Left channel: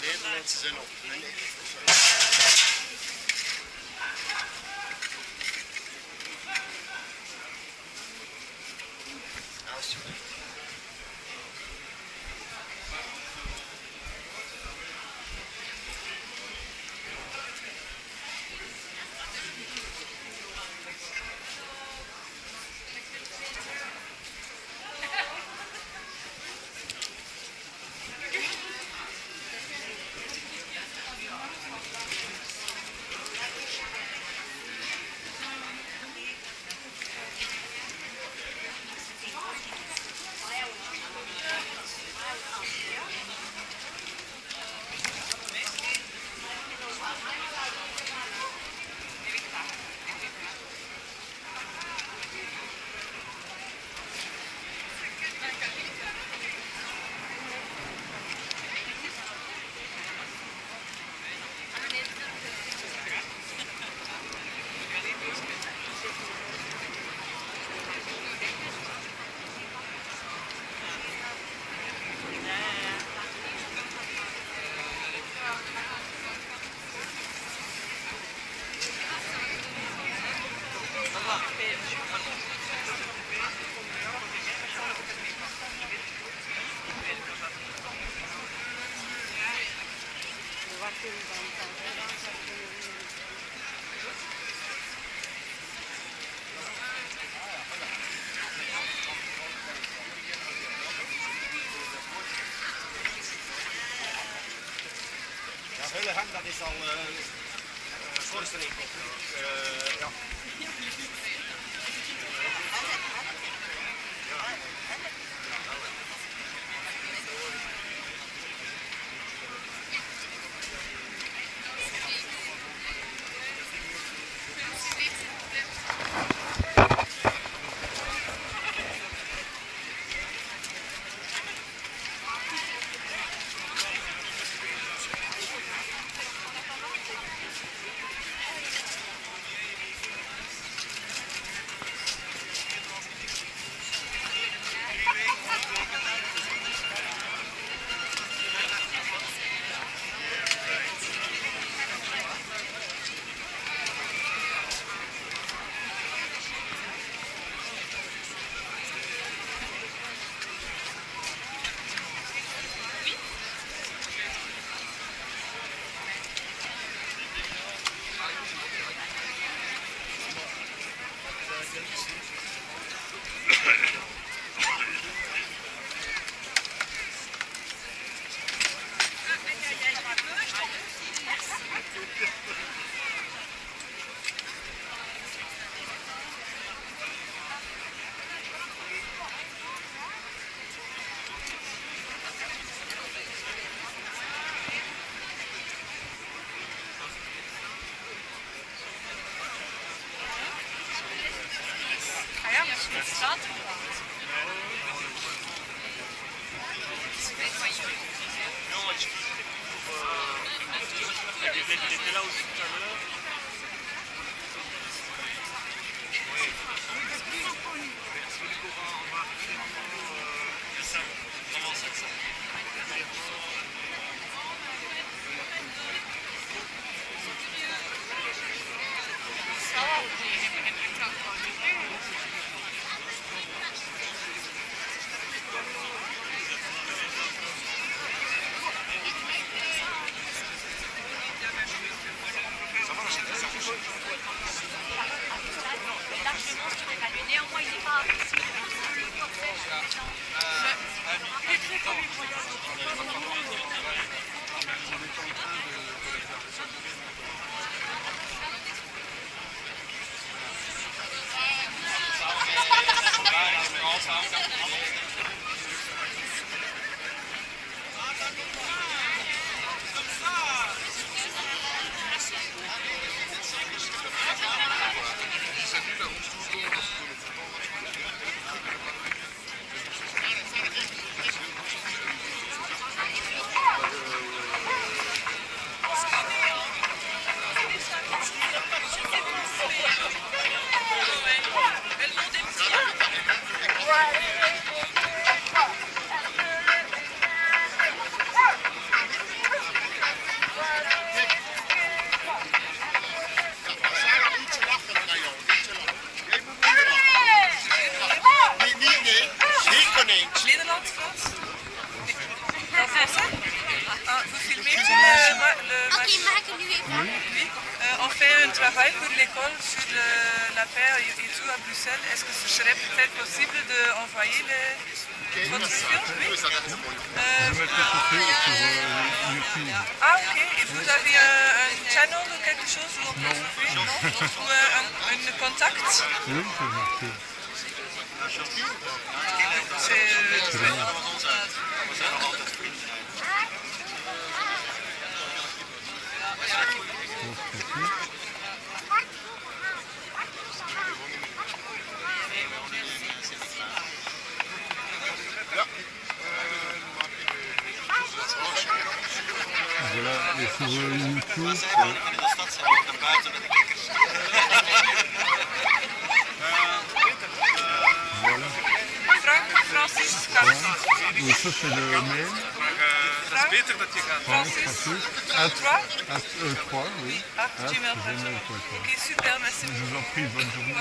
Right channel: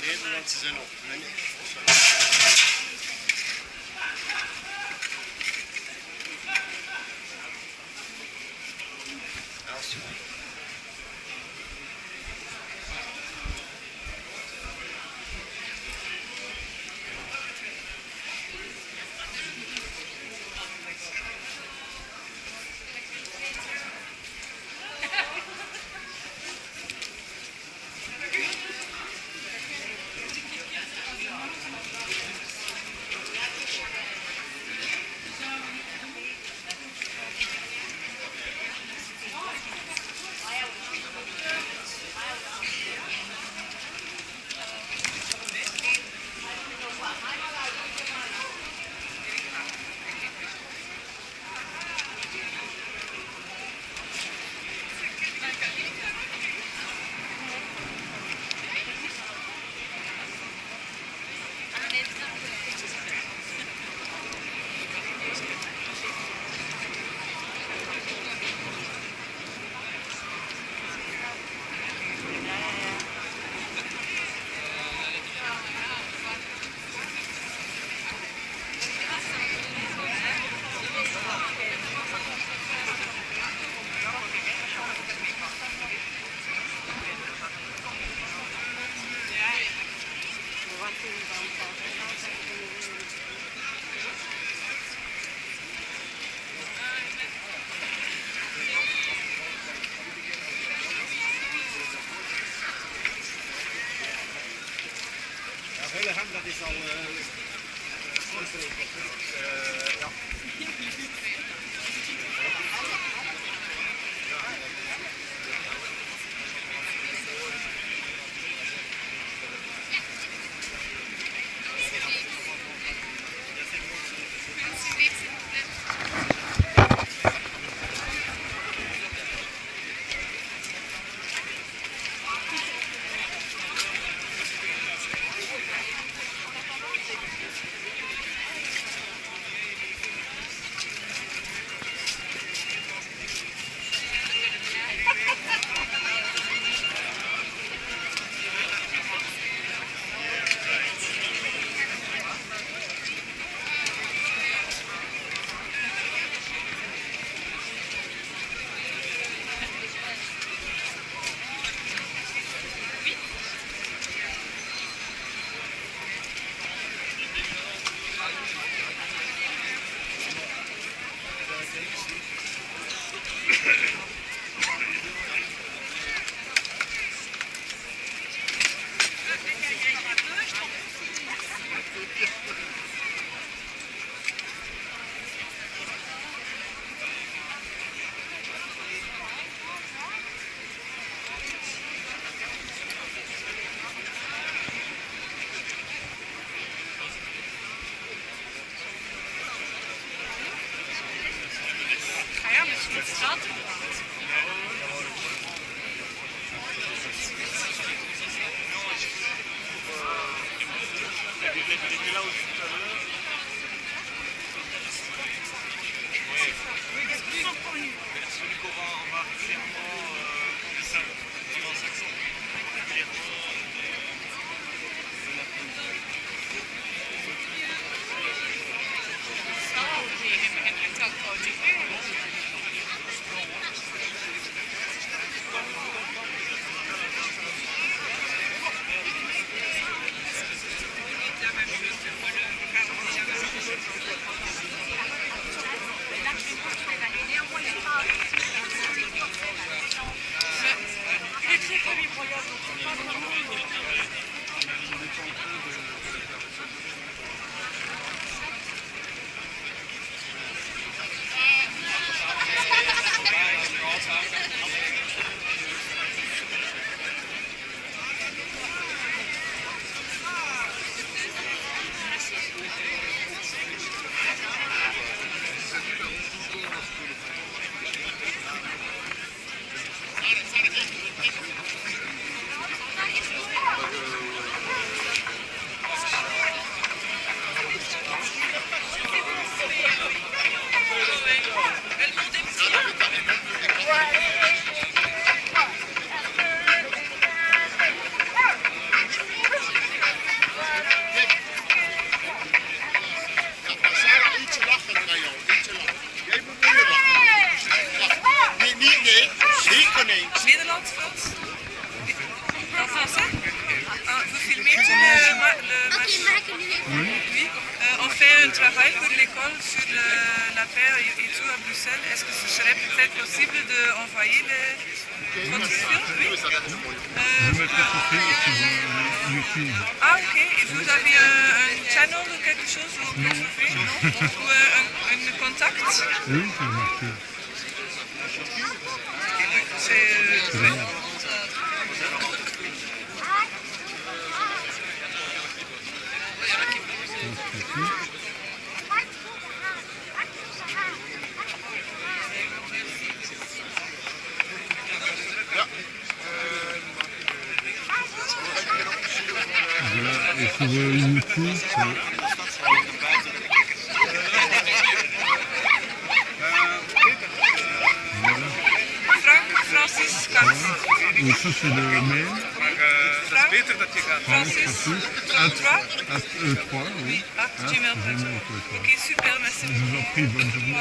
Nederlandse zijn op. Nee. Alsjeblieft. Hullegem, dat is al voorstelling. Ja. Voilà. fait un travail pour l'école sur la paix et tout à Bruxelles. Est-ce que ce serait peut-être possible d'envoyer votre film? Oui. Je mettrai tout sur YouTube. Ah ok, et vous avez un channel ou quelque chose où on peut trouver? Non. Ou un contact? Oui, c'est marqué. C'est bien. Voilà, et sur YouTube, Francis Katz. et ça c'est le mail. Francis. Francis, 3, oui. gmail.com. Ok, super, merci Je vous en prie, bonne journée.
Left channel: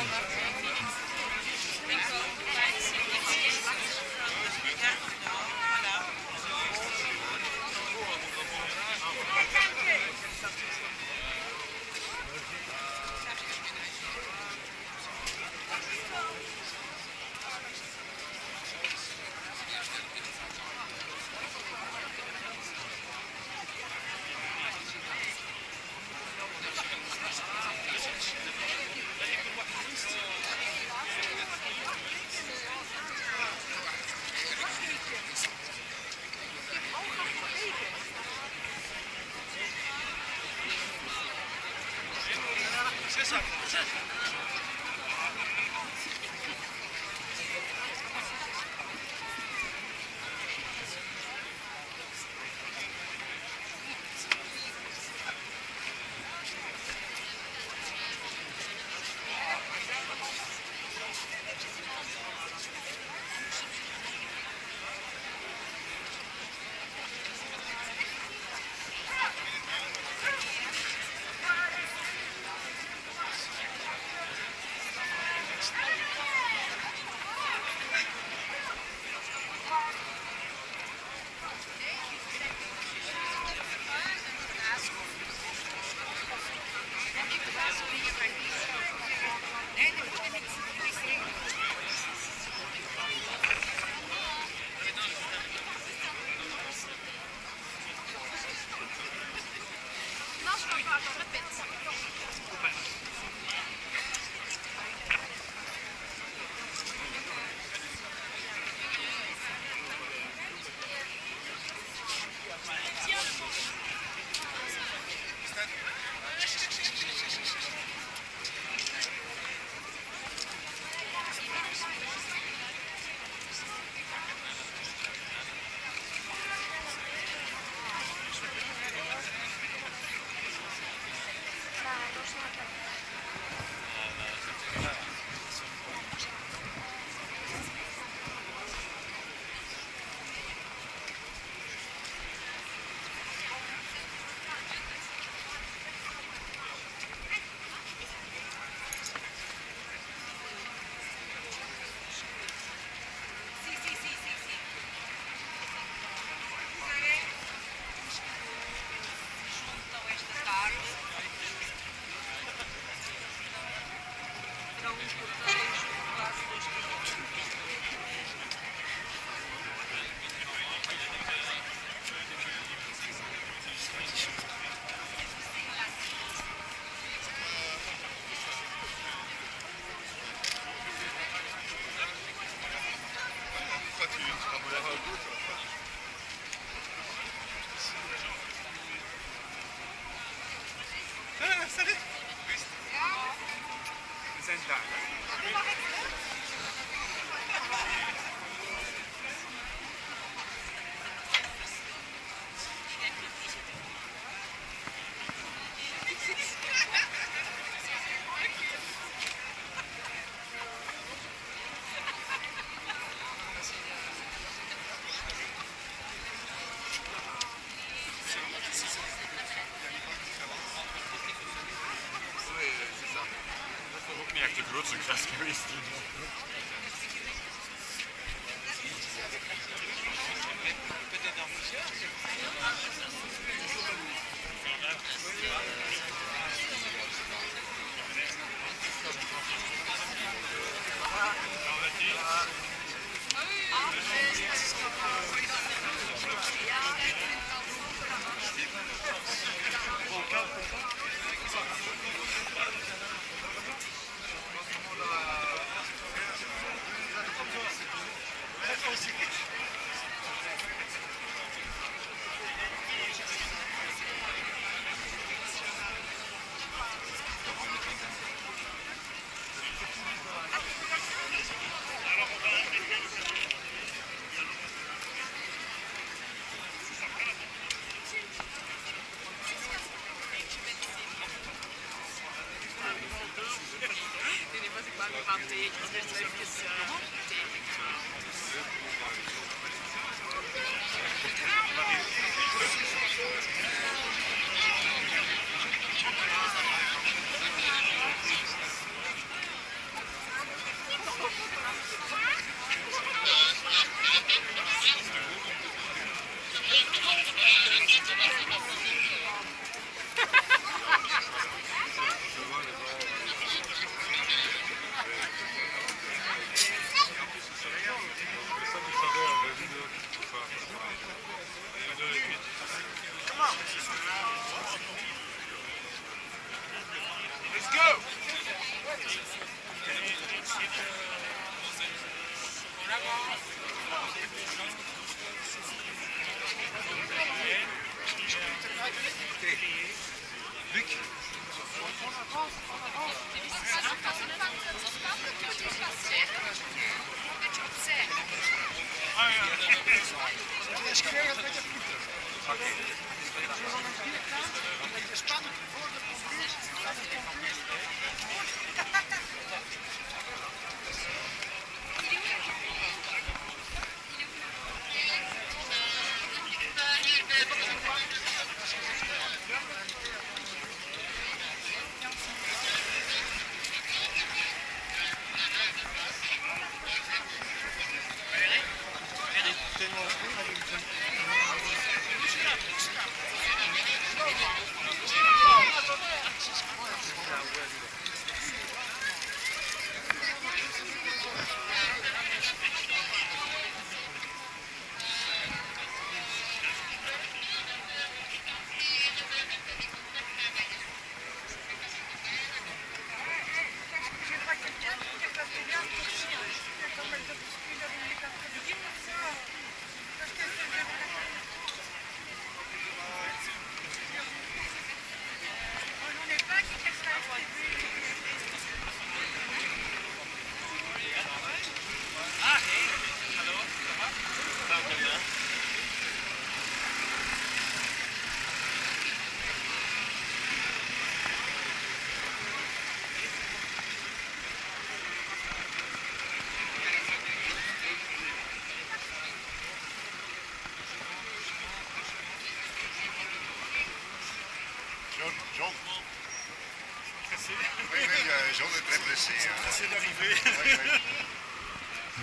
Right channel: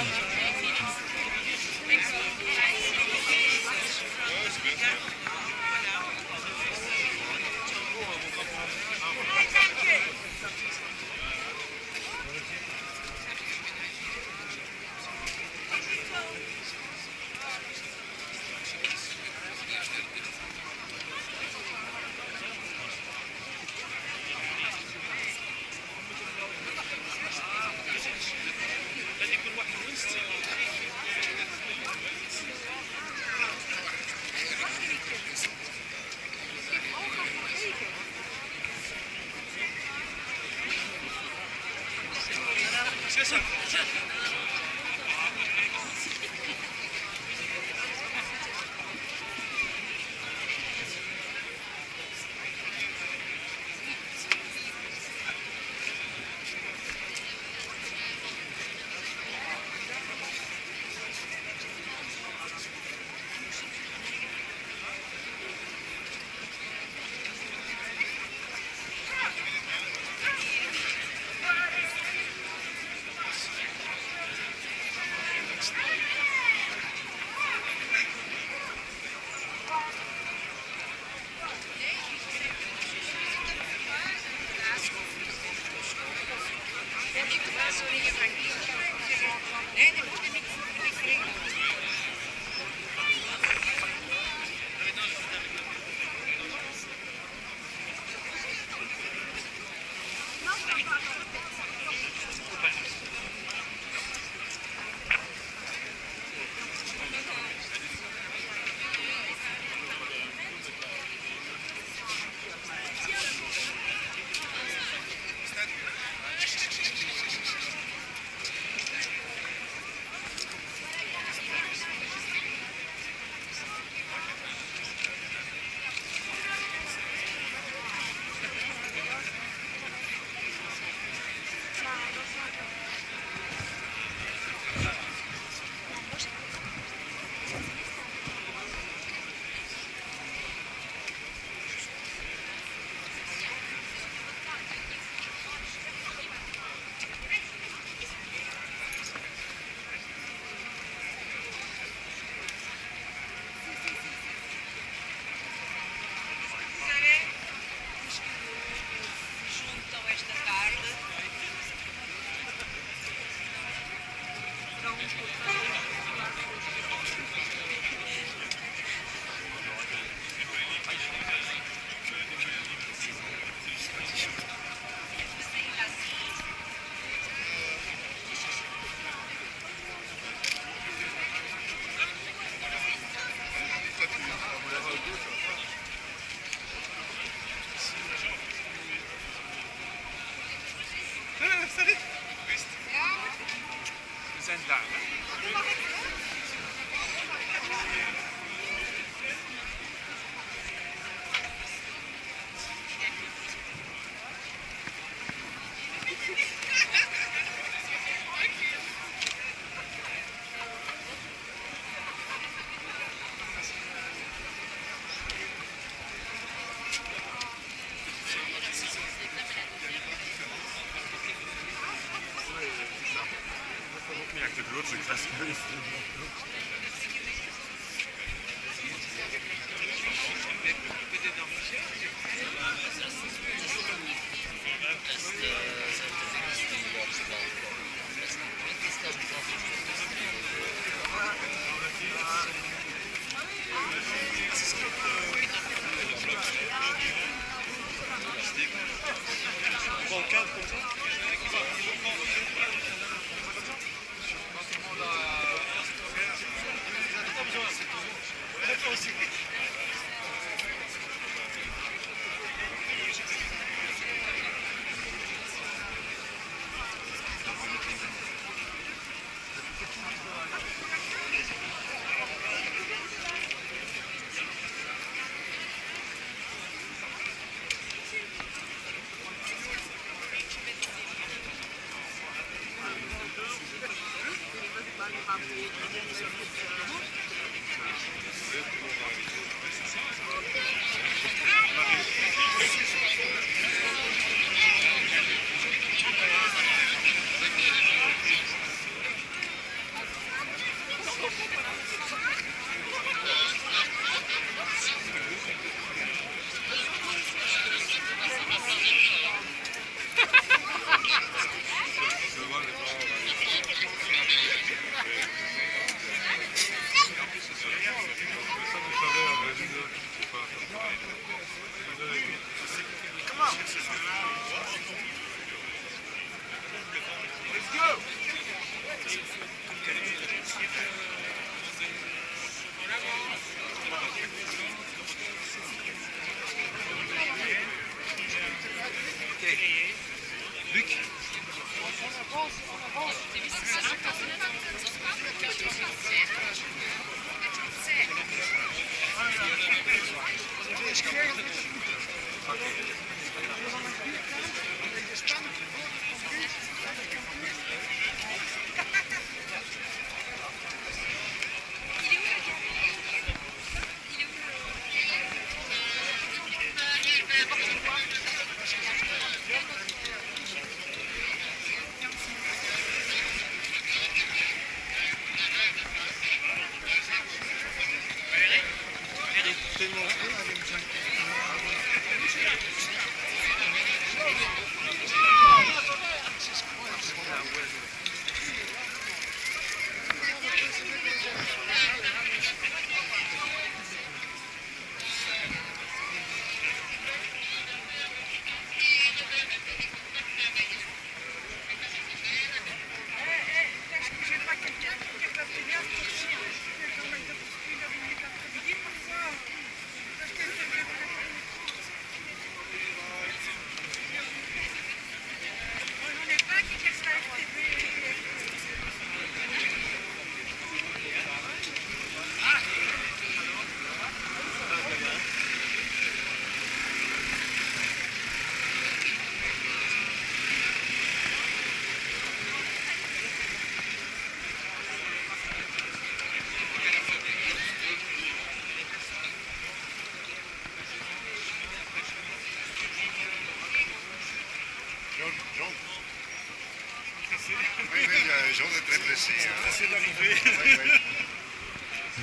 Jean est très pressé. Pressé d'arriver.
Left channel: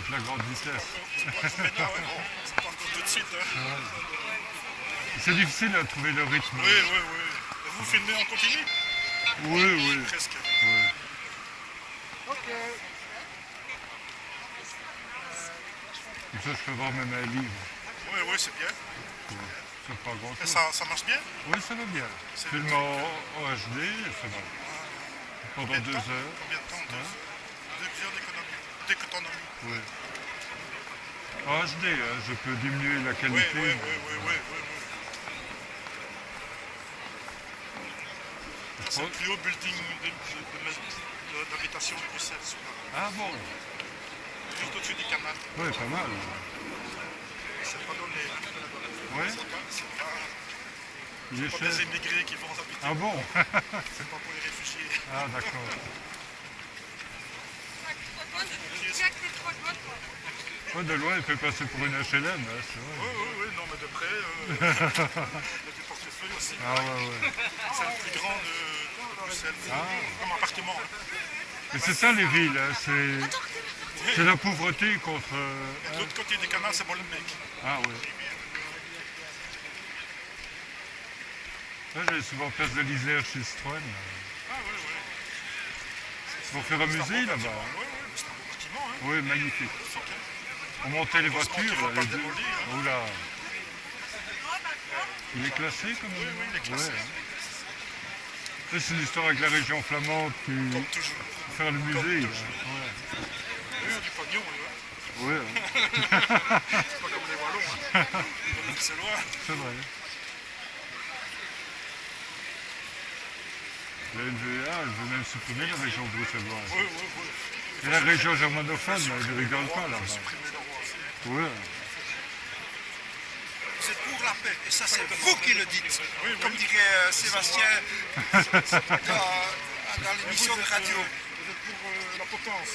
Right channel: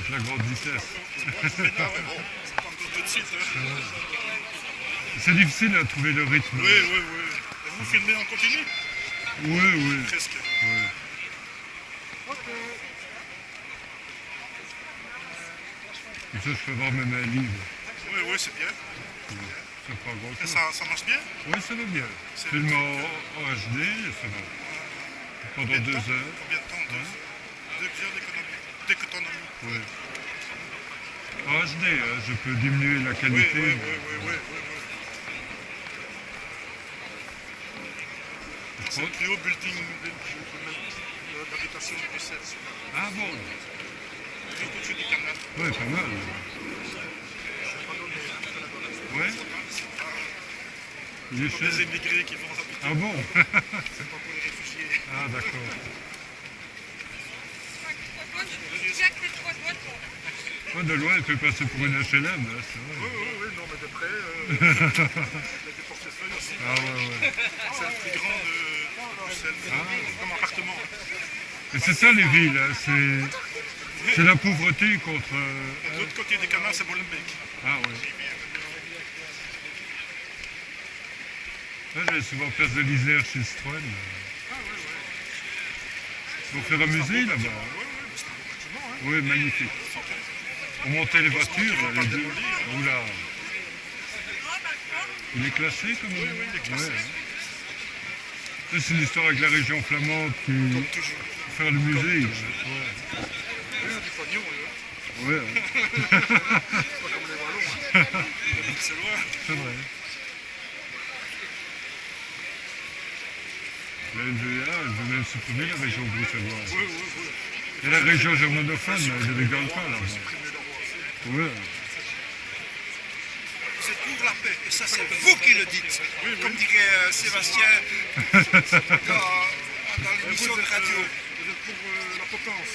C'est la grande vitesse. Mais non, mais bon, c'est pas encore tout de suite. Hein. C'est difficile à trouver le rythme. Oui, oui, oui. Et vous filmez en continu? Oui, oui. Presque. Oui. Comme ça, je peux voir même un livre. Oui, oui, c'est bien. C'est pas grand Et chose. ça marche bien? Oui, ça va bien. C'est Film le en HD, ça va. Pendant 2 heures. Combien de temps? 2 heures d'économie. Oui. En HD, hein, je peux diminuer la Oui, qualité. oui, oui, mais- oui, oui, oui. C'est le plus haut building d'habitation de Bruxelles. Ah bon? Juste au-dessus du canal. Oui, pas mal. C'est pas donné. Hein. Ouais. C'est pas Il est pour cher. des émigrés qui vont habiter. Ah bon? C'est pas pour les réfugiés. Ah d'accord. Ouais, de loin, il peut passer pour une HLM, hein, c'est Oui, vrai. oui, oui, non, mais de près, il y a des portefeuilles aussi. Ah ouais, ouais. C'est le plus grand de Bruxelles, comme appartement. Et c'est ça les villes, hein, c'est la pauvreté contre... Et de l'autre côté du canal, c'est Molenbeek. Ah oui. Là, j'allais souvent place de l'Isère chez Citroën. Ah oui, oui. Pour faire un musée là-bas. Oui, oui, c'est un beau bâtiment. Hein. Oui, magnifique. On montait les voitures, qu'ils vont là, pas les deux. démolir, hein. Oula. Il est classé comme Oui, oui, il est classé. Ouais, hein. Ça, c'est l'histoire avec la région flamande qui... Comme toujours. pour faire le musée. Là. Oui, du pognon, oui. Ouais, ouais, C'est pas comme les Wallons. Hein. C'est loin. c'est vrai. La NVA, elle veut même supprimer la région bruxelloise. Oui, oui, oui. Et la région germanophone, elle ne rigole pas là-bas. Supprimer le roi aussi. Ouais. C'est pour la paix, et ça c'est vous qui le dites, Oui, oui. comme dirait Sébastien dans l'émission de radio. Vous êtes pour la potence.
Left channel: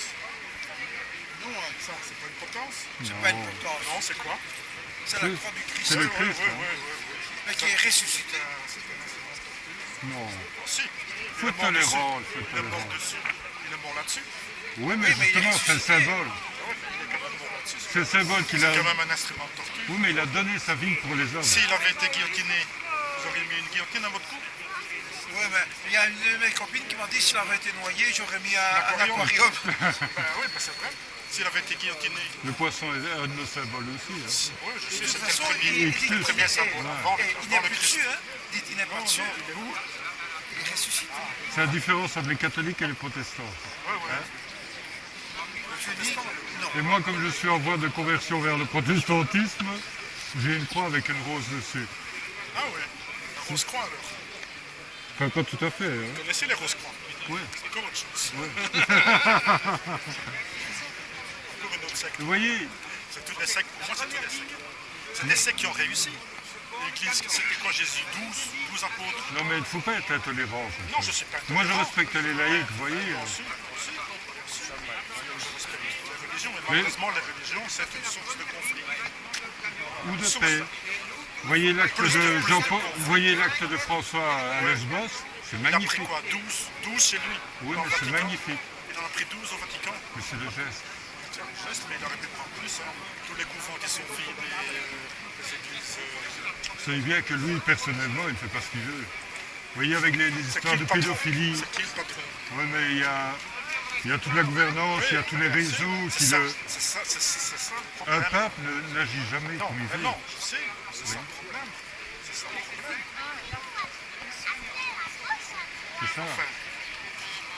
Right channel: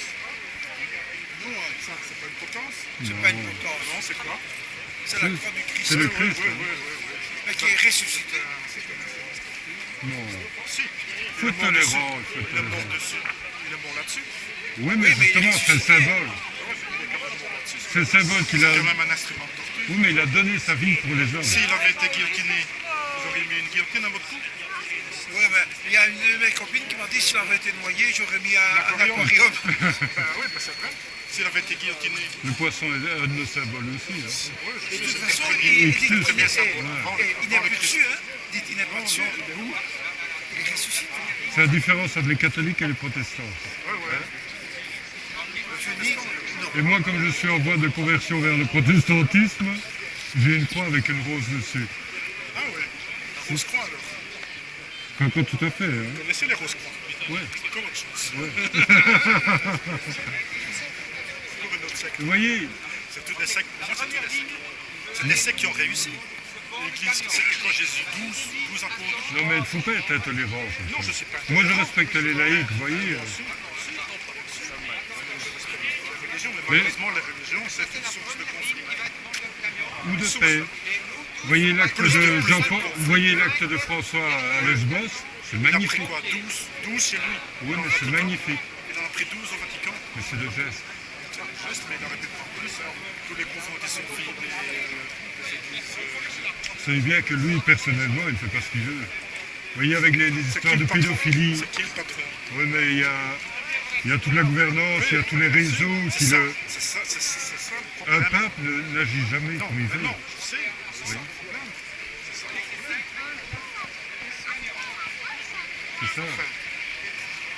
Non, ça, c'est pas une potence. C'est pas une potence. Non, c'est quoi? C'est la croix du Christ. C'est le Oui, Christ. oui, hein. oui. Mais qui est ressuscité. C'est un instrument sportif. Non. Si. Faut être tolérant, il faut être Il est mort tolérant. dessus. Il est mort là-dessus. Oui, mais Oui, mais il est justement, c'est le ressuscité. symbole. Ah ouais, mais il est quand même mort là-dessus. C'est le symbole qu'il a... C'est quand même un instrument de torture. Oui, mais il a donné sa vie pour les hommes. S'il avait été guillotiné, vous auriez mis une guillotine à votre cou? Ouais, mais il y a une de mes copines qui m'a dit s'il avait été noyé, j'aurais mis un Aquarium. aquarium. Ben oui, ben c'est vrai. S'il avait été guillotiné. Le poisson est un de nos symboles aussi. Hein. Oui, je De sais, toute c'était façon, le premier. il dit Christ. qu'il Très bien est- symbole. Avant il n'est le plus Christ. dessus, hein. Dites, il n'est pas Non, dessus. non, il est où? Il est ressuscité. C'est la différence entre les catholiques et les protestants. Ouais, ouais. Je dis non. Et moi, comme je suis en voie de conversion vers le protestantisme, j'ai une croix avec une rose dessus. Ah ouais. La rose croix alors. Enfin, pas tout à fait. Hein. Vous connaissez les roses croix? Ouais. C'est encore autre chose. Encore une autre secte. Vous voyez, C'est toutes des sectes. Pour moi, c'est toutes des sectes. C'est des sectes qui ont réussi. L'Église, c'était quoi Jésus? 12 apôtres? non mais il ne faut pas être intolérant. comme Non, ça. je sais pas. Moi, je respecte les laïcs, vous voyez. Aussi. Les religions, mais malheureusement, les religions, c'est une source de conflit. Ou de paix. Vous voyez l'acte de Jean-Paul, vous voyez l'acte de François à Lesbos, c'est Il a pris magnifique. quoi? 12 chez lui. Oui, Dans mais le c'est Vatican. magnifique. Il en a pris 12 au Vatican. Mais c'est le geste. Tiens, juste, mais il aurait pu prendre plus. Hein. Tous les couvents qui sont vidés, des églises. Vous savez bien que lui, personnellement, il ne fait pas ce qu'il veut. Vous voyez, avec les C'est histoires qui de le patron? pédophilie, C'est qui le patron? oui, mais il y a toute la gouvernance, il y a tous les réseaux qui C'est ça, le... c'est ça, c'est ça le Un problème. pape n'agit jamais Non, comme il mais veut. non, je sais, c'est ça le problème. C'est ça le problème. C'est ça. Enfin,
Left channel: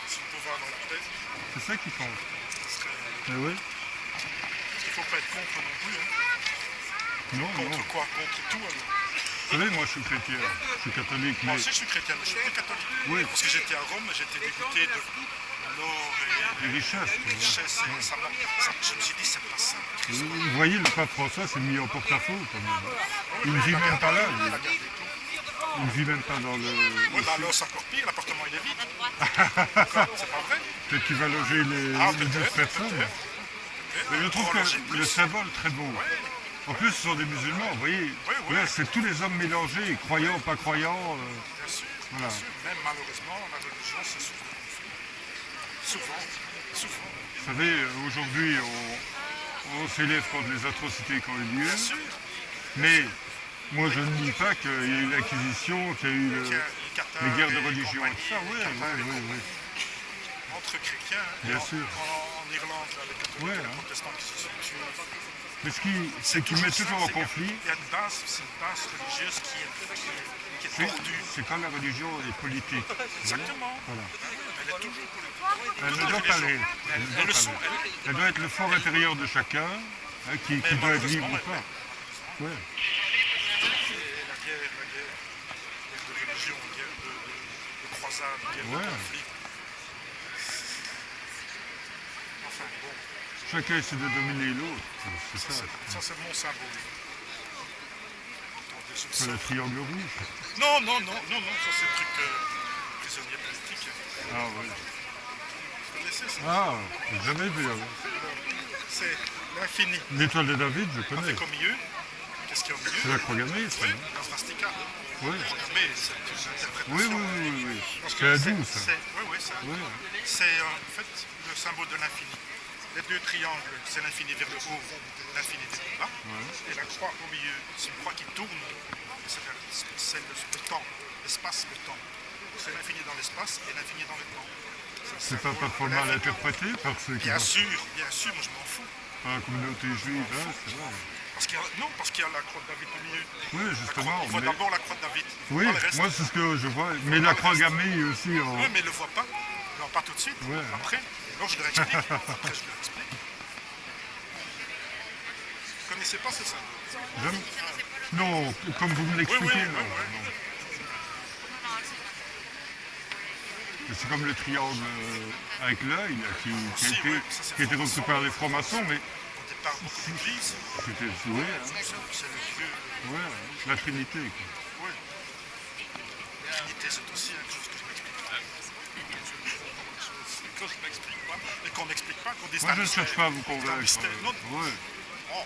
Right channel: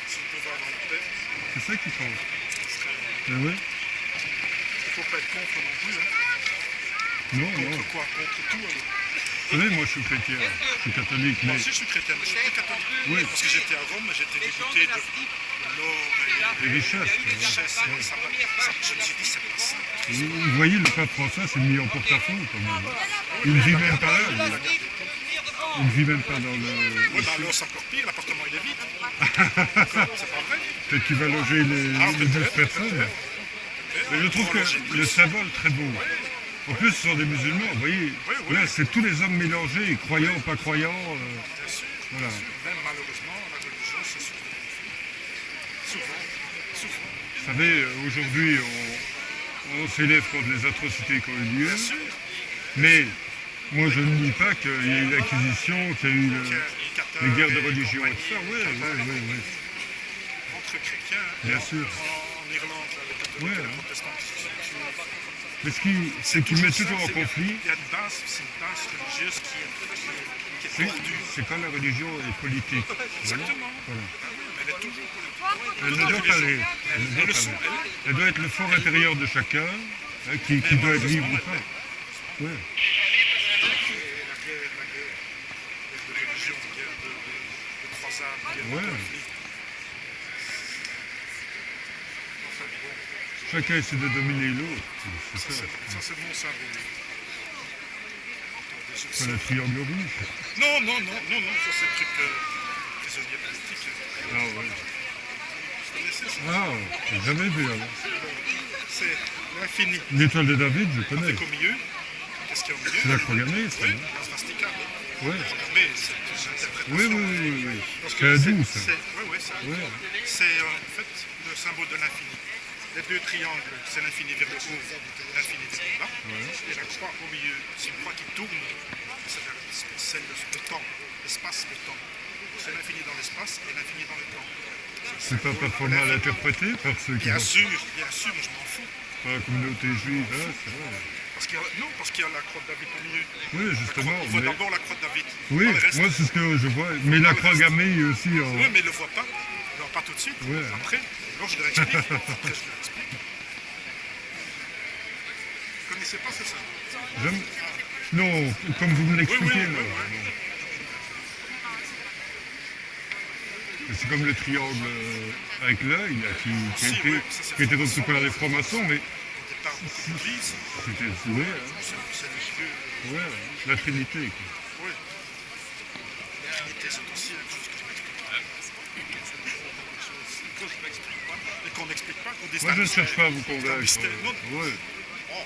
si on pouvait avoir la paix, C'est ça qui compte. ce serait. Eh oui. Il ne faut pas être contre non plus. Hein. Non, non. Contre quoi? Contre tout alors. Vous savez, moi je suis chrétien, je suis catholique, mais... Moi aussi je suis chrétien, mais je suis plus catholique. Oui. Parce que j'étais à Rome, j'étais dégoûté de l'or et Les richesses. les richesses. Et je me suis dit, c'est pas ça. Vous voyez, le pape François s'est mis en porte-à-faux quand même. Il ne vit même pas là, lui. Il ne vit même pas dans le... Oui, bah alors c'est encore pire, l'appartement il est vide. C'est pas vrai. Peut-être qu'il va loger les 12 personnes. Mais je trouve Pour loger que plus. le symbole très beau. En plus, ce sont des musulmans, vous voyez. Oui, oui. Là, c'est tous les hommes mélangés, croyants, pas croyants. Bien sûr, Voilà. bien sûr. Même malheureusement, la religion c'est source de conflit. Souvent. Vous savez, aujourd'hui, on s'élève contre les atrocités qui ont eu lieu. Bien sûr. Mais moi, je ne nie pas qu'il y a eu l'Inquisition, qu'il y a eu les guerres de religion et tout ça. Oui, oui. Entre chrétiens, hein, Bien et sûr. en Irlande, là, les catholiques Ouais, et les hein. protestants qui se sont tués. Mais c'est qu'ils mettent toujours en conflit. Il y a une base, c'est une base religieuse qui est C'est tordue. c'est quand la religion est politique. vous voyez. Exactement. Voilà. Ben oui, mais elle est toujours politique. Elle ne doit pas l'être. Elle ne doit Elles le pas sont, l'être. Elle doit être le fort intérieur de chacun, hein, qui doit être libre ou pas. Ouais. La guerre de religion, guerre de croisade, guerre Ouais. de conflit. Enfin bon, Chacun essaie de dominer l'autre. C'est ça. ça c'est mon symbole. Attendez, je C'est sais. le triangle rouge. Non, ça c'est le truc prisonnier politique. Ah ouais. Vous connaissez ça? Ah, j'ai jamais vu. Alors. C'est l'infini. L'étoile de David, je connais. Avec au milieu, qu'est-ce qu'il y a au milieu? C'est la croix gammée, ça. Oui, non la swastika. Ouais. Mais c'est une interprétation. Oui. Parce C'est que hindou, ça. Oui, c'est hindou. Ouais. C'est en fait le symbole de l'infini. Les deux triangles, c'est l'infini vers le haut, l'infini vers le bas. Et la croix au milieu, c'est une croix qui tourne. C'est le temps, l'espace, le temps. C'est l'infini dans l'espace et l'infini dans le temps. C'est pas parfois mal interprété par ceux qui Bien vont sûr, moi je m'en fous. par la communauté juive, hein, c'est vrai. Parce qu'il y a la croix de David au milieu. Oui, justement. Il voit mais- d'abord la croix de David. Oui, Pas le reste. moi c'est ce que je vois. Mais la croix gammée aussi en... Oui, mais il ne le voit pas. Il ne le voit pas tout de suite. Ouais. Après, alors je leur explique. Après, je leur explique. Vous ne connaissez pas ce symbole? J'aime- Non, comme vous me l'expliquez, Oui, non. oui. non. Mais c'est comme le triangle avec l'œil, là, qui a Si, été, oui, ça, c'est qui a été franc-maçon. repris par les francs-maçons, mais Au départ, beaucoup d'églises, c'était ouais, hein, c'est le Dieu. ouais, la Trinité. Quoi. Oui. La Trinité, c'est aussi quelque chose que je m'explique. que je m'explique pas et qu'on n'explique pas, qu'on dit Moi, je ne cherche pas à vous convaincre. Non. Ouais.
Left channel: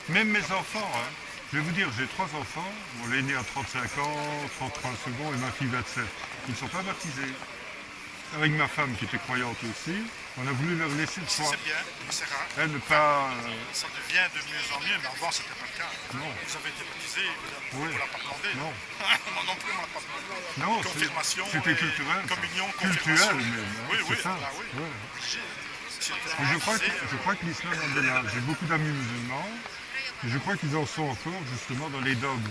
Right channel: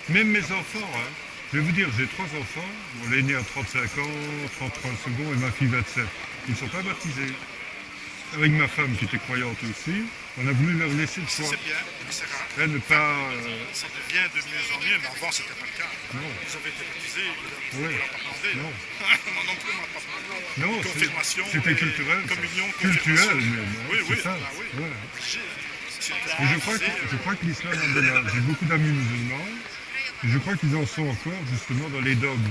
Même mes enfants, hein. Je vais vous dire, j'ai 3 enfants. Bon, l'aîné a 35 ans, 33 secondes et ma fille 27. Ils ne sont pas baptisés. Avec ma femme qui était croyante aussi, on a voulu leur laisser le choix. C'est bien, mais c'est rare. Elle ne pas... Ça devient de mieux en mieux, mais avant, c'était pas le cas. Non. Vous avez été baptisé, vous Ouais. ne l'a pas demandé. Non. Moi non plus, on ne l'a pas demandé. Non, Confirmation. c'était et culturel. ça. Communion, Culturel confirmation. même, hein, Oui, c'est oui, ça. ah oui. Ouais. Obligé. Si on était Et baptisé, je crois que l'islam en est là. J'ai beaucoup d'amis musulmans. Et je crois qu'ils en sont encore justement dans les dogmes.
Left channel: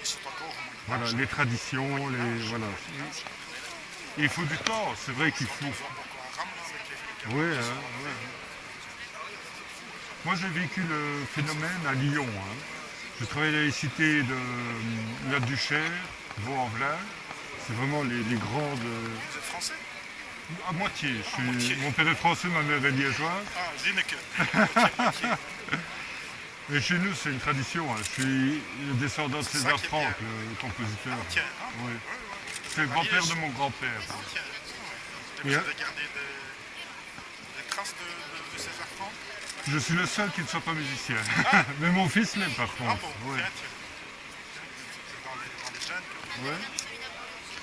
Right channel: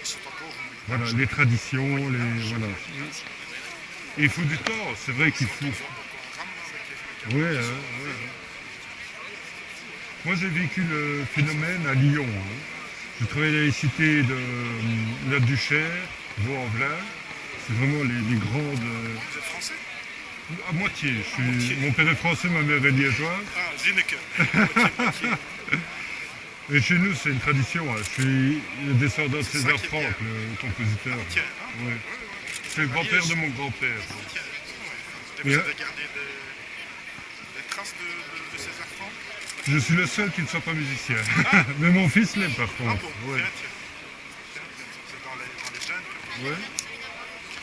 ils sont encore au Moyen Voilà, les traditions, les... Voilà. Et il faut du temps, c'est vrai qu'il faut... Boko Haram, avec les Ouais, hein, ouais. Moi j'ai vécu le phénomène à Lyon. Hein. Je travaillais dans les cités de la Duchère, Vaux-en-Velin. C'est vraiment les grandes... Vous êtes français? À moitié. moitié. Mon père est français, ma mère est liégeoise. Ah, Zineke. Et chez nous, c'est une tradition. Hein. Je suis le descendant de C'est ça César qui est Franck, bien. le compositeur. Tiens, hein? Ouais. C'est le grand-père de mon grand-père. Tiens, ouais. Et Et vous là- avez gardé des traces de César Franck? Je suis le seul qui ne soit pas musicien. Mais mon fils l'est par Ah contre. bon, Ouais. tiens. C'est dans les jeunes que... Ouais.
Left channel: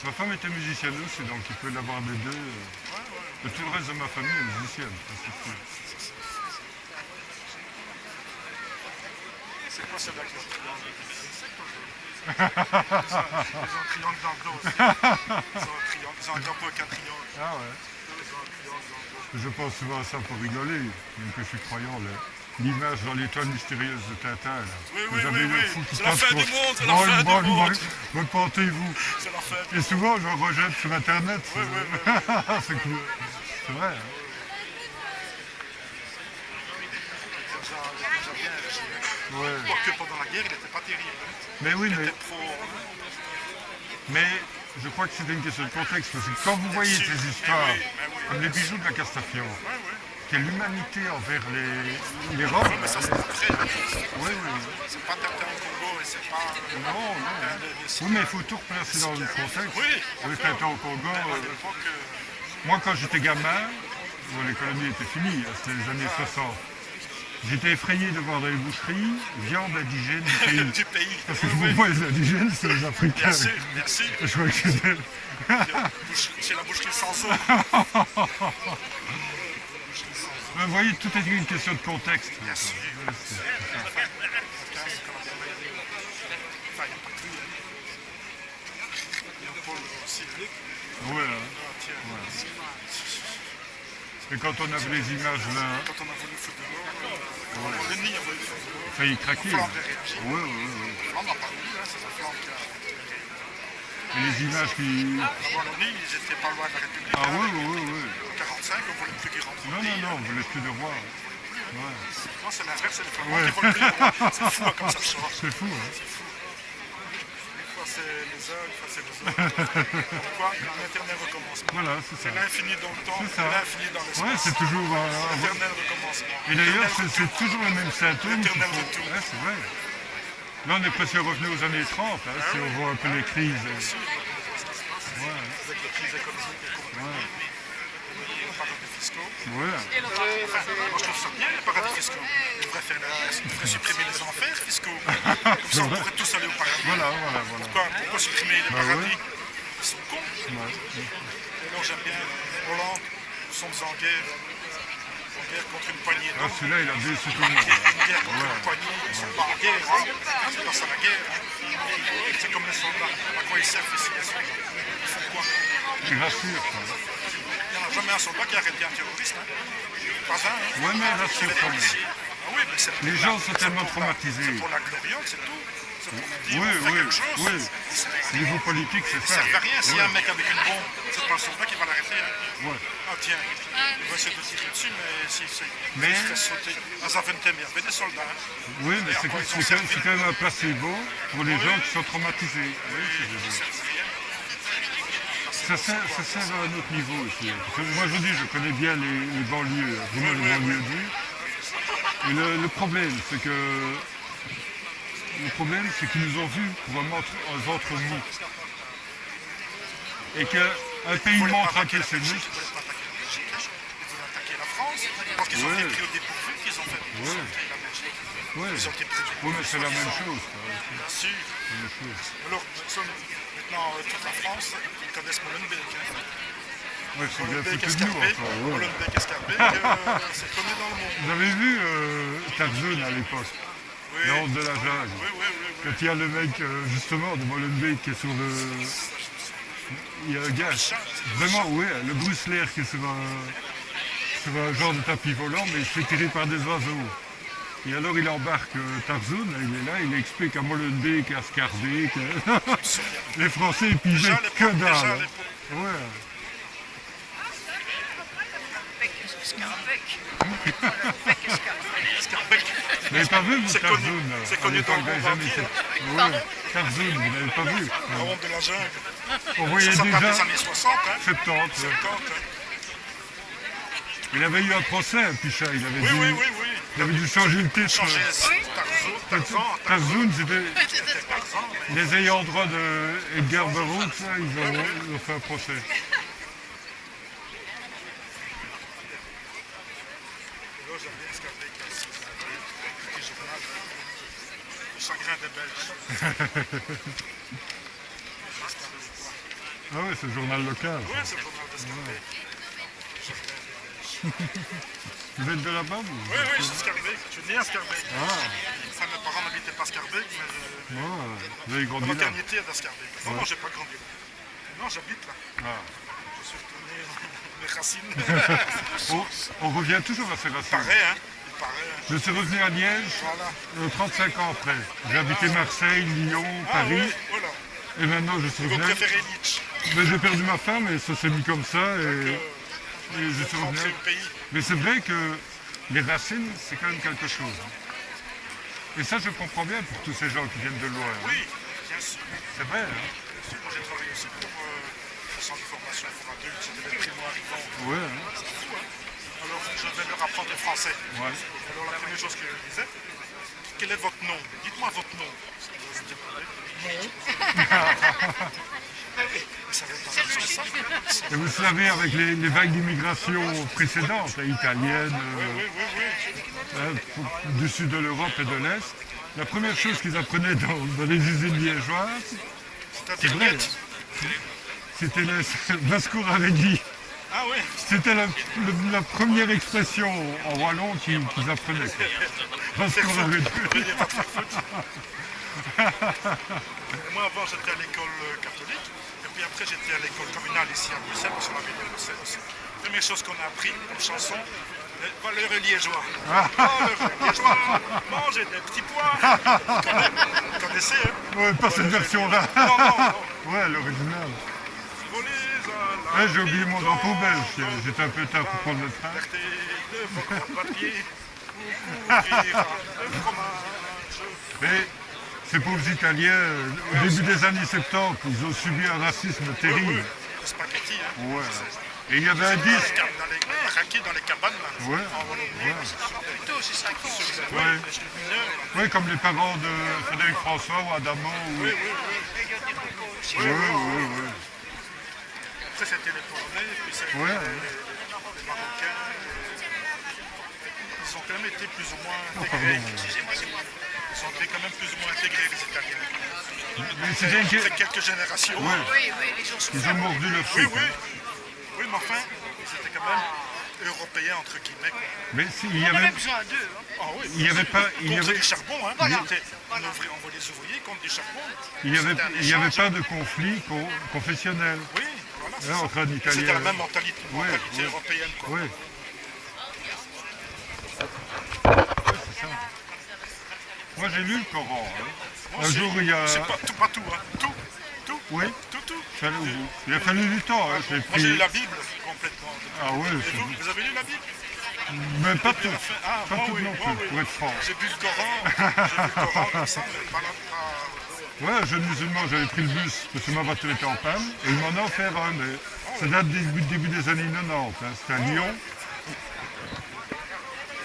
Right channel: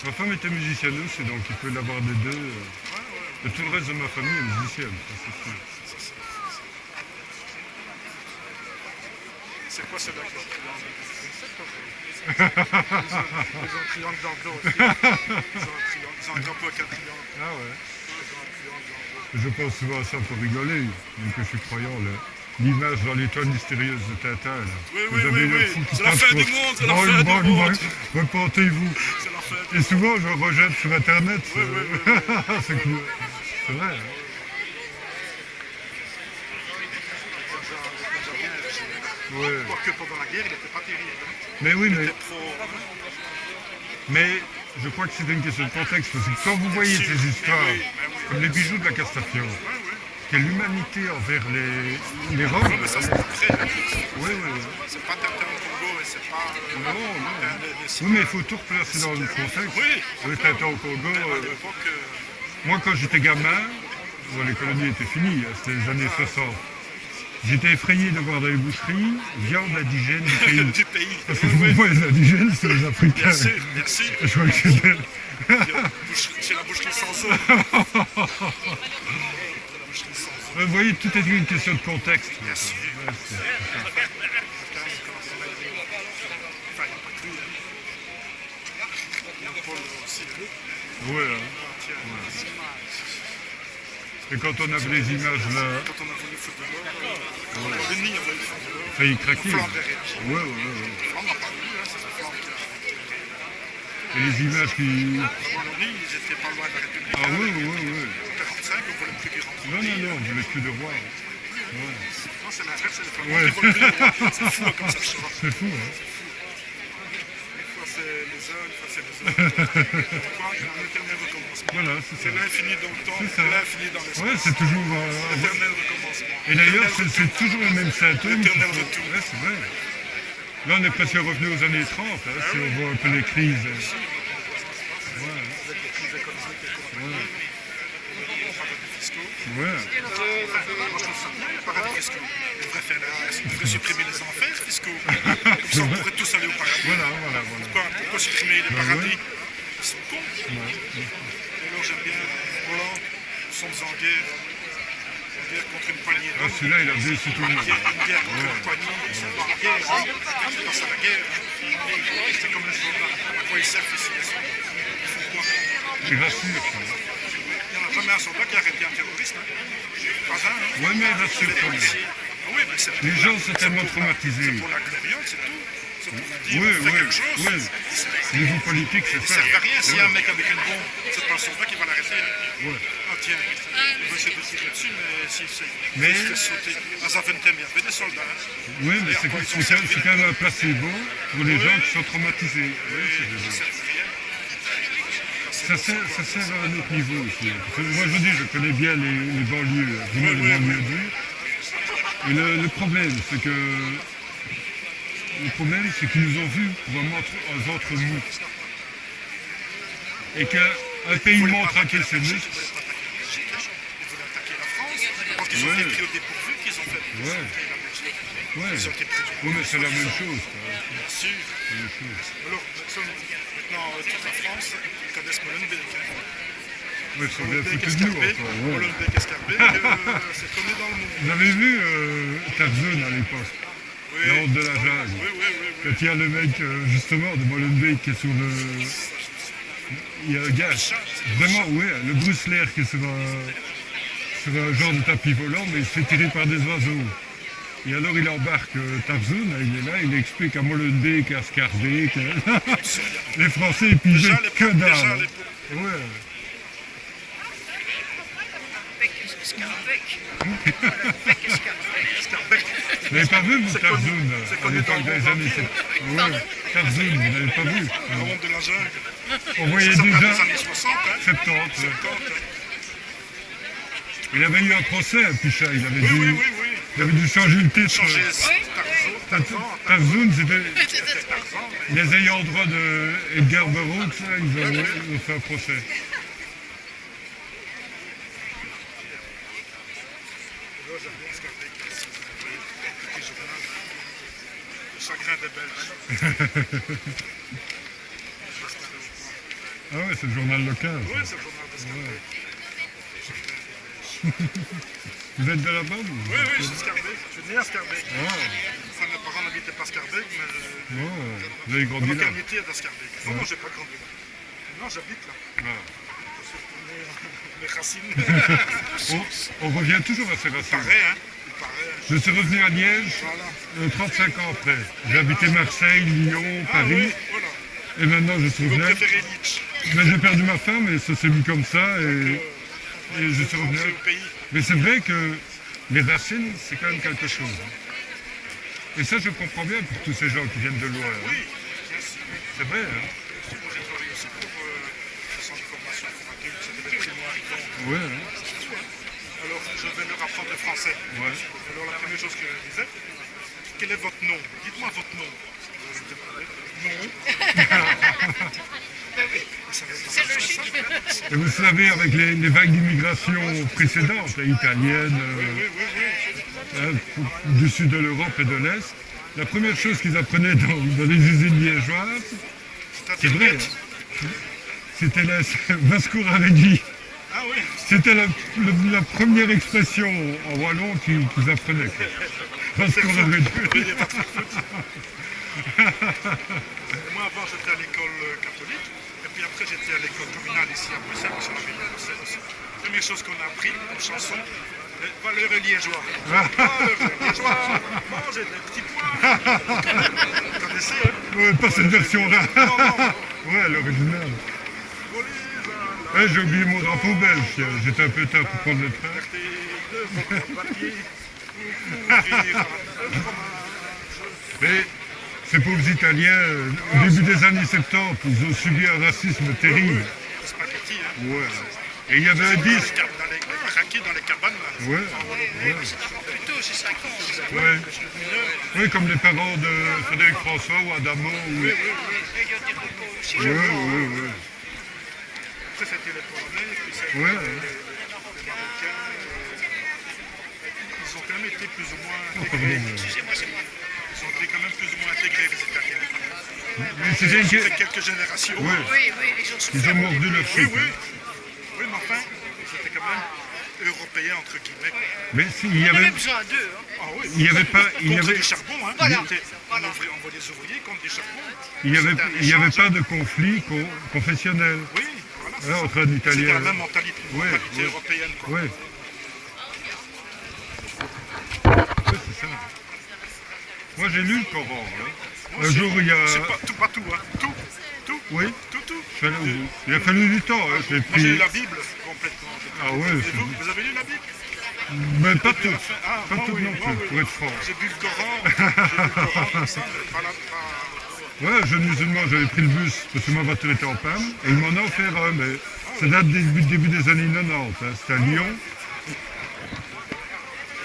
Ma femme était musicienne aussi, donc il peut l'avoir des deux. Et tout le reste de ma famille est musicienne, ça, c'est sûr. C'est quoi celle-là qui est Ils ont un triangle dans le dos aussi. Ils ont un drapeau avec un triangle. Ah ouais. Ils ont un triangle dans le dos. Je pense souvent à ça pour rigoler, même que je suis croyant. L'image dans l'étoile mystérieuse de Tintin. Là. Oui, Vous avez le fou qui c'est la passe fin pour- du monde, c'est la Bon, fin bon, du monde. repentez-vous. C'est la fin. Et souvent, je rejette sur Internet. Oui. C'est vrai. Hein. Ouais. Quoique pendant la guerre, il n'était pas terrible. Mais oui, Il mais, était trop... mais je crois que c'est une question de contexte. Parce que quand vous voyez ces histoires, Mais oui. comme les bijoux de la Castafiore, Ouais. quelle humanité envers les Roms. Mais ça, c'est après. Oui. C'est pas Tintin au Congo et c'est pas... Non. des- Oui, mais il faut tout replacer dans le contexte. Oui, Le Tintin au Congo. à l'époque... Moi, quand j'étais gamin, bon, les colonies étaient finies, hein, c'était les années 60. J'étais effrayé de voir dans les boucheries viande indigène du pays. du pays. Parce que pour moi, les indigènes, c'est les Africains. Bien sûr. Et je crois que c'était... C'est la boucherie sans eau. Vous voyez, tout est une question de contexte. Bien sûr. Ouais, c'est- Enfin, il n'y a pas que lui. Il y a Paul aussi. Ouais, hein. Tiens. Et quand on avait les images là, Quand on a voulu foutre de l'eau, le nid a voulu foutre de l'eau. failli craquer. Flamme a réagi. Ouais. On n'a pas vu, c'est sa flamme qui a... Et les images qui... Avant le nid, ils étaient pas loin de la République. Ah hein. oui. En 45, on voulait plus qu'ils rentrent. Non, on voulait plus de roi. Ouais. Non, c'est l'inverse, c'est les flamands Ouais. qui veulent plus. C'est fou, hein, comme ça change. C'est fou, hein. Des fois, c'est les uns, des fois, c'est les autres. Quoi? Un éternel recommencement. Voilà, c'est ça. C'est l'infini dans le temps, C'est ça. et l'infini dans l'espace. Ouais, c'est toujours... L'éternel recommencement. Et d'ailleurs, L'éternel c'est toujours le même symptôme. L'éternel qu'il faut- retour. Ouais, c'est vrai. Là, on est presque revenu aux années 30, hein, si on voit un peu les crises. Ouais, Avec les crises économiques et compagnie, les paradis fiscaux. ouais. Moi, je trouve ça bien, les paradis fiscaux. Ils devraient faire l'inverse. Ils devraient supprimer les enfers fiscaux. Comme ça, on pourrait tous aller au paradis. Voilà. Pourquoi supprimer les Bah paradis? ouais. Ils sont cons. Ouais. Et alors, j'aime bien Hollande. Nous sommes en guerre. En guerre contre une poignée Ah, d'hommes. celui-là, il a déçu tout le monde. Une guerre contre une poignée. Ils sont pas en guerre. Hein. C'est pas ça la guerre. Hein. C'est comme les soldats. À quoi ils servent ici, les soldats? Ils font quoi? Il rassure, ça. Il n'y en a jamais un soldat qui a arrêté un terroriste. Hein. Pas un. Hein. Ouais, mais il rassure Les quand même. policiers. Ah oui, mais c'est pour Les la- gens sont c'est tellement pour la- traumatisés. C'est pour la gloriole, c'est tout. C'est pour nous dire, Oui, on fait quelque chose. oui. Niveau politique, c'est Ça ça. ne sert à rien s'il y a un mec avec une bombe. C'est pas le soldat qui va l'arrêter. Hein. Ouais. Ah tiens, il va essayer de tirer dessus, mais s'il se Mais- fait sauter. À Zaventem, il y avait des soldats. Hein. Oui, mais Et c'est à quoi ils ont c'est servi? quand même un placebo pour les Oui. gens qui sont traumatisés. Oui, c'est Ils vrai. ne servent à rien. Ça sert à un autre niveau aussi. Parce que moi, je dis, je connais bien les banlieues, vraiment les banlieues dures. Et le problème, c'est que... Le problème, c'est qu'ils nous ont vus pour un ventre mou. Et qu'un pays montre à quel c'est nous. Ils voulaient pas attaquer la Belgique. Ils voulaient pense qu'ils ont Ouais. été pris au dépourvu, qu'ils ont fait Ouais. la Belgique. Ouais. Ils ont été pris. Oui, mais c'est la même chose. Quoi. Bien sûr. C'est la même chose. Alors, maintenant, toute la France, ils connaissent Molenbeek. Hein. Ouais, ils sont bien Molenbeek, foutus de nous Escarbeek, encore. Ouais. Molenbeek, Escarbeek, c'est connu dans le monde. Vous avez vu Tarzan à l'époque, Oui, La honte de la jungle. oui, oui, oui. Quand il y a le mec, justement, de Molenbeek qui est sur le... Il y a un gars, vraiment, ouais, le Bruce Lee qui est sur un genre de tapis volant, mais il se fait tirer par des oiseaux. Et alors il embarque Tarzan, il est là, il explique à Molenbeek, à Scarbeck. Les Français, ils pigeaient Déjà, les que pauvres, déjà, dalle. les pauvres. Ouais. Escarbeek. Vous n'avez pas vu, vous, C'est Tarzan, connu- à c'est connu l'époque dans le des monde années entier. 70. Ouais, Tarzan, vous n'avez pas vu. La honte de la jungle. On voyait Ça date déjà des années 60, hein. 70. ouais. 70, hein. Il avait eu un procès, Picha, il avait, Oui, dû, oui, oui, oui. il avait dû changer le titre. Changer Tarzan, Tarzan, c'était c'était Tarzan. les ayants droit de Edgar Burroughs, ça, ils ont fait un procès. Là, j'aime bien Escarbeek ici. Le petit journal. Le chagrin des Belges. Ah ouais, c'est le journal local. Oui, c'est le journal d'Escarbeek. Vous êtes de là-bas, vous? Oui, oui, je suis Scarbeck. Je suis né à Scarbeck. Ah, Enfin, mes parents n'habitaient pas Scarbeck, mais ouais, vous avez grandi la là. maternité est à Scarbeck. Non, non, j'ai pas grandi là. Non, j'habite là. Ah. Je suis retourné les racines. On revient toujours à ces Il racines. paraît, hein. Il paraît. Hein. Je suis revenu à Liège Voilà. 35 ans après. J'ai habité Marseille, Lyon, Ah Paris, oui, voilà. et maintenant je suis Vous revenu. préférez Nietzsche. Mais j'ai perdu ma femme et ça s'est mis comme ça et je suis revenu. Rentrer au pays. Mais c'est vrai que les racines, c'est quand même quelque chose. Et ça, je comprends bien pour tous ces gens qui viennent de loin. hein. Oui, bien sûr. C'est vrai. Hein. Bien sûr. Moi, j'ai travaillé aussi pour le centre de formation pour adultes. C'était des primo-arrivants. Ouais, hein. C'est tout, hein. Alors, je vais leur apprendre le français. Ouais. Alors, la première chose que je disais, quel est votre nom? Dites-moi votre nom. Je demandais. Ça va être dans ça. Et vous savez, avec les vagues d'immigration précédentes, italiennes, Oui, oui, oui. du sud de l'Europe et de l'Est, la première chose qu'ils apprenaient dans les usines liégeoises, c'est C'est-à-dire vrai, net. c'était la Vascour à réduit. Ah oui. C'était la première expression en wallon qu'ils apprenaient. Quoi. Vascour à réduit. Il n'y a pas de foot. Moi, avant, j'étais à l'école catholique. Et puis après, j'étais à l'école communale ici à Bruxelles, parce qu'on avait de Bruxelles aussi. Première chose qu'on a appris comme chanson, les valeurs liégeois. Valeurs liégeois, mangez des petits pois. Vous connaissez, hein? Ouais, pas cette version-là. Non, non, non. Ouais, l'original. Volez Ouais, j'ai oublié mon drapeau belge. J'étais un peu tard pour prendre le train. de votre papier pour couvrir le fromage. Mais ces pauvres Italiens, au début des années 70, ils ont subi un racisme terrible. Le spaghetti, hein. Ouais. Et il y avait un disque. Dans les baraquets, dans les cabanes, là. Ouais. En Wallonie. Plutôt, c'est 5 ans. Ouais. Oui, comme les parents de Frédéric François ou Adamo. Ou... Oui, oui, oui. Ouais, ouais, ouais. Après, c'était les Polonais, puis c'était Ouais. les Marocains. Ils ont quand même été plus ou moins Oh, intégrés. pardon. Ils ont été quand même plus ou moins intégrés, les Italiens. Mais c'était une... C'est quelques générations. Ouais. Oui, oui, les gens sont Ils ont mordu leur Oui, fric. oui. Oui, mais enfin, c'était quand même européen, entre guillemets. Quoi. Mais il y On a avait... même besoin d'eux. Hein. Ah oui. Il y avait pas... Il y Contre avait... du charbon, hein. Voilà. On envoyait des ouvriers contre du charbon. Il n'y avait, C'était un il y avait échange. pas de conflit confessionnel. Oui, voilà. c'est Là, ça. entre un Italien... C'était la même mentalité, Ouais, ouais. européenne. Quoi. Ouais. Ouais, c'est ça. Moi, j'ai lu le Coran. Hein. Moi Un aussi. jour, il y a... C'est pas tout, hein. Tout. Oui, Tout. je suis allé au bout. Il a fallu du temps. Hein. J'ai Moi, j'ai lu pris... la Bible complètement. Ah ouais, Et vous avez lu la Bible? mais pas tout. Ah, Pas moi, tout oui, non moi, plus, oui. pour être franc. J'ai bu le Coran, comme ça, mais pas la... Ouais, jeune musulman, j'avais pris le bus parce que ma voiture était en panne et ils m'en ont offert un, mais ça date du début des années 90. Hein. C'était à Lyon.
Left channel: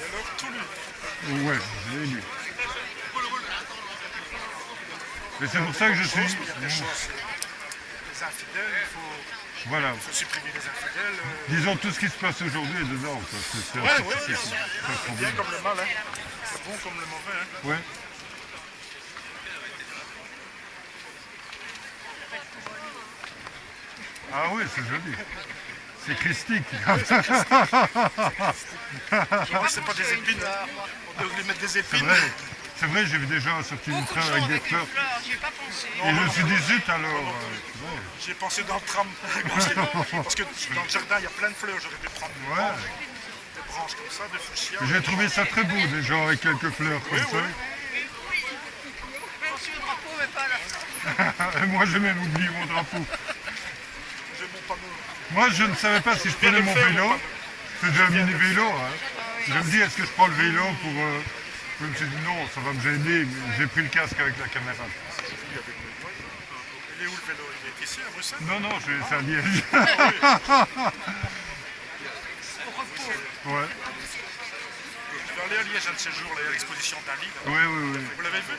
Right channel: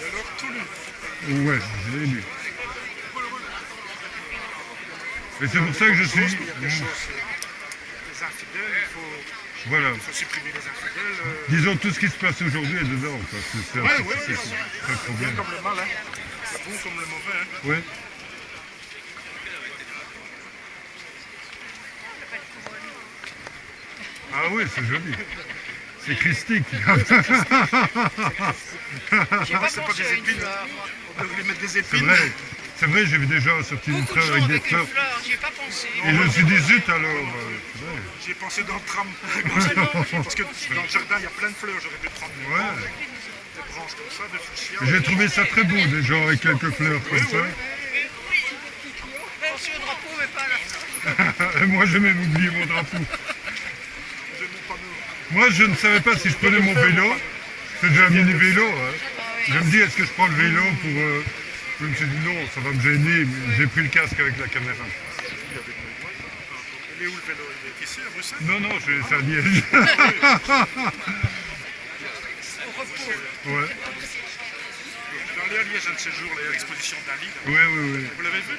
Et alors, tout lu. Ouais, je l'ai lu. Et c'est pour ça que je suis... Il y a des choses, des infidèles, Voilà. il faut supprimer les infidèles. Disons, tout ce qui se passe aujourd'hui est dedans, quoi. C'est Ouais, pas de bien problème. comme le mal, hein. Le bon comme le mauvais. Hein. Ouais. Ah oui, c'est joli. C'est christique. C'est pas des épines. On devrait lui mettre des C'est épines. vrai. C'est vrai, j'ai vu des gens sortir une Beaucoup de fleur gens avec des avec une fleurs. fleur, j'y ai pas pensé. Et je me suis dit, zut alors. C'est vrai. J'ai pensé dans le tram. Parce que dans le jardin, il y a plein de fleurs. J'aurais pu prendre des branches comme ça, des fuchsias. J'ai trouvé ça très beau, des gens avec quelques fleurs comme ça. Pensez au drapeau, mais pas à la Et moi, j'ai même oublié mon drapeau. J'ai mon panneau. Moi, je ne savais pas si je prenais mon vélo. C'est déjà un mini-vélo. Hein. Je me dis, est-ce que je prends le vélo pour... Je me suis dit, non, ça va me gêner, mais j'ai pris le casque avec la caméra. Il est où le vélo? Il est ici, à Bruxelles? Non, non, c'est à Liège. Ouais. Je vais aller à Liège un de ces jours, là, il y a l'exposition d'Ali. Oui, oui, oui. Vous l'avez vu?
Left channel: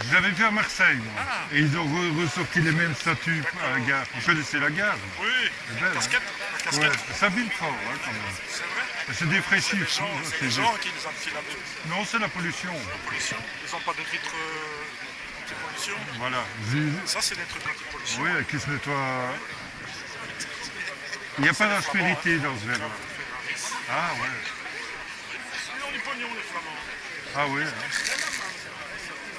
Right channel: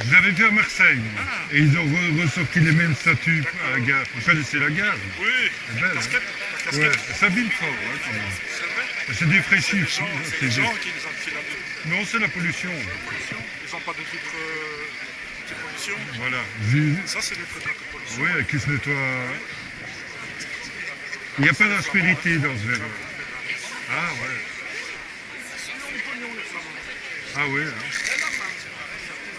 Je l'avais vu à Marseille, moi. Et ils ont ressorti les mêmes statues à la gare. Vous connaissez la gare? Oui, C'est belle, casquette. hein? La Ouais, casquette. ça vile fort, hein, quand même. C'est vrai? C'est défraîchif. C'est les gens qui les ont filés avec Non, c'est la pollution. la pollution. Ils n'ont pas de filtre anti-pollution. Voilà. Ça, c'est des trucs d'anti-pollution. Oui, qui se nettoie. Il n'y a pas d'aspérité dans ce verre. Ah ouais. Ils ont du pognon, les Flamands. Ah oui. Hein.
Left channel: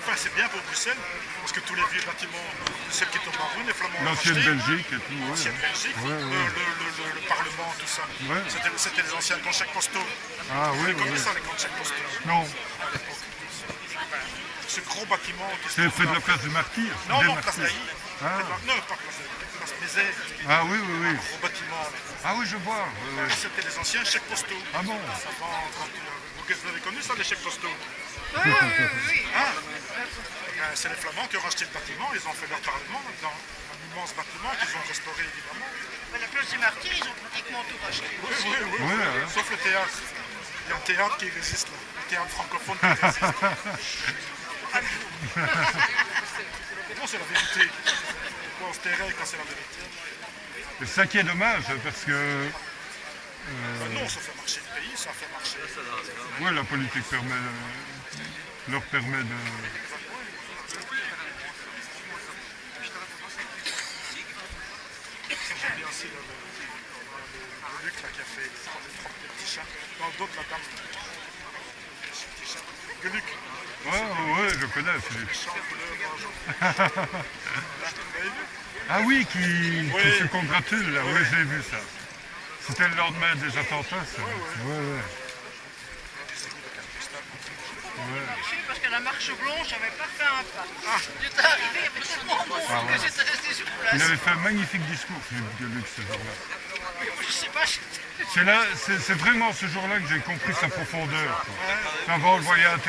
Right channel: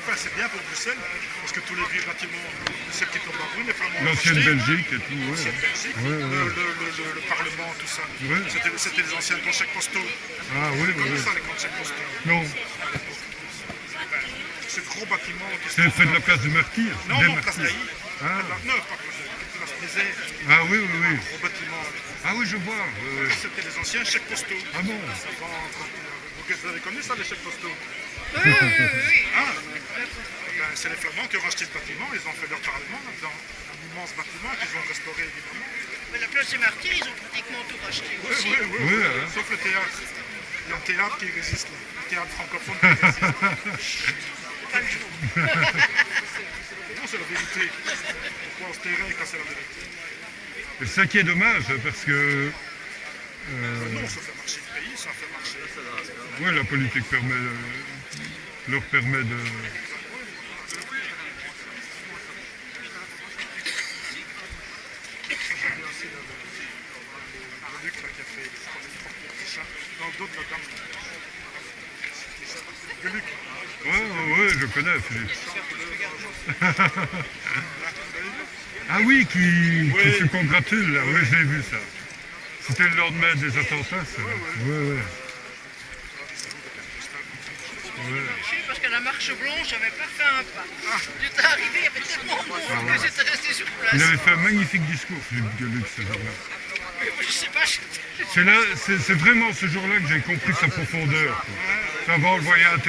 Enfin, c'est bien pour Bruxelles, parce que tous les vieux bâtiments, celles qui tombent en ruine, les Flamands ont L'ancienne racheté. Belgique et tout. Ouais. L'ancienne Belgique, Ouais, ouais. le Parlement, tout ça. Ouais. C'était les anciens conchèques postaux. Ah oui, oui, Comment oui. ça, les conchèques postaux? Non, Ce gros bâtiment qui se c'est trouve près de là. la place du Martyr. Non, des non, place Martyrs. d'Aï. Ah. Non, pas place Désert. Ah oui, oui, oui. Gros bâtiment. Ah oui, je vois. Oui, oui. C'était les anciens chèques postaux. Ah bon? Vous avez connu ça, les chèques postaux? Oui, oui, oui, oui. Ah, ben, c'est les Flamands qui ont racheté le bâtiment, ils ont fait leur parlement là-dedans. Un immense bâtiment qu'ils ont restauré évidemment. Mais la place des Martyrs, ils ont pratiquement tout racheté Oui, aussi. oui, oui, Oui, oui. hein. Sauf le théâtre. Il y a un théâtre qui résiste là. Le théâtre francophone qui résiste. Pas le jour. Non, c'est la vérité. Pourquoi on se tairait quand c'est la vérité? C'est ça qui est dommage, parce que Non, ça fait marcher le pays, ça fait marcher. ouais, la politique leur permet de... J'aime bien aussi le Luc là, qui a fait les petits chats. Dans d'autres, la dame. Le Luc. Ouais, ouais, je connais, Philippe. Vous avez vu? Ah oui, qui Oui. se congratule, là. Oui, j'ai vu ça. C'était le lendemain des attentats, ça. Ouais, ouais. Parce qu'à la marche blanche, j'avais pas fait un pas. J'étais arrivé, il y avait tellement de monde que j'étais resté sur place. Il avait fait un magnifique discours, Philippe Gueluc, ce jour-là. Je sais pas, C'est vraiment ce jour-là que j'ai compris sa profondeur. Quoi. Avant, on le voyait à la télé.